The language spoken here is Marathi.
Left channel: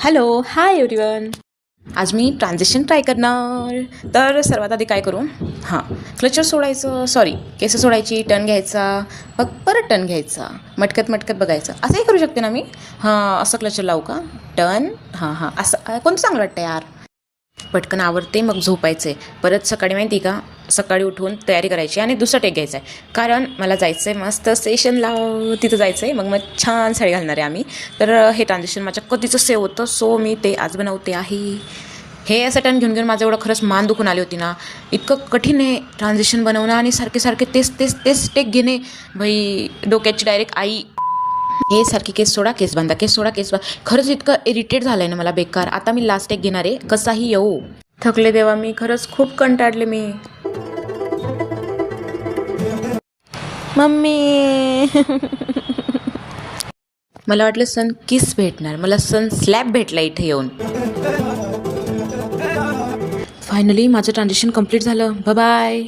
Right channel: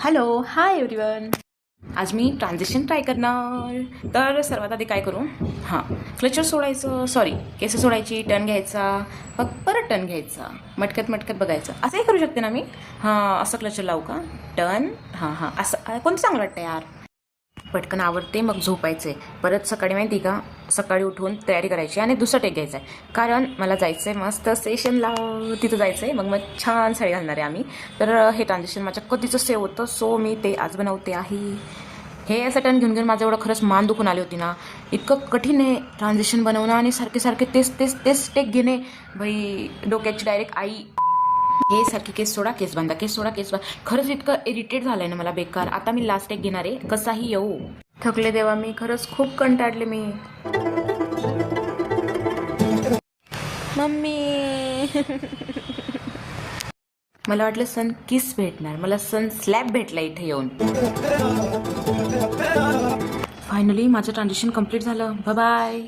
Hello, hi everyone. आज मी ट्रान्झिशन ट्राय करणार. तर सर्वात आधी काय करू? क्लचर सोडायचं, केस सोडायची, टर्न घ्यायचा, मग परत टर्न घ्यायचा, मटकत मटकत बघायचं. असंही करू शकते ना मी. असं क्लचर लावू का? टर्न, असं कोणतं चांगलं वाटतं यार. पटकन आवरते, मग झोपायचं आहे. परत सकाळी माहिती का, सकाळी उठून तयारी करायची आणि दुसरा टेक घ्यायचा आहे. कारण मला जायचं आहे मस्त स्टेशनला, तिथं जायचं आहे. मग छान साडी घालणार आहे आम्ही. तर हे ट्रान्झिशन माझ्या कधीचं सेव होतं, सो मी ते आज बनवते आहे. हे असं टर्न घेऊन माझं एवढं खरंच मान दुखून आली होती ना. इतकं कठीण आहे ट्रान्झिशन बनवणं आणि सारखे तेच टेक घेणे. बाई डोक्याची डायरेक्ट आई. हे सारखी केस सोडा, केस बांधा, केस सोडा, केस बांधा. खरंच इतकं इरिटेट झालं आहे ना मला बेकार. आता मी लास्ट एक घेणार आहे, कसाही येऊ. थकले देवा मी, खरंच खूप कंटाळले मी. मम्मी मला वाटलं सन किस भेटणार, मला सन स्लॅब भेटला इथे येऊन. फायनली माझं ट्रान्झिशन कंप्लीट झालं. बाय.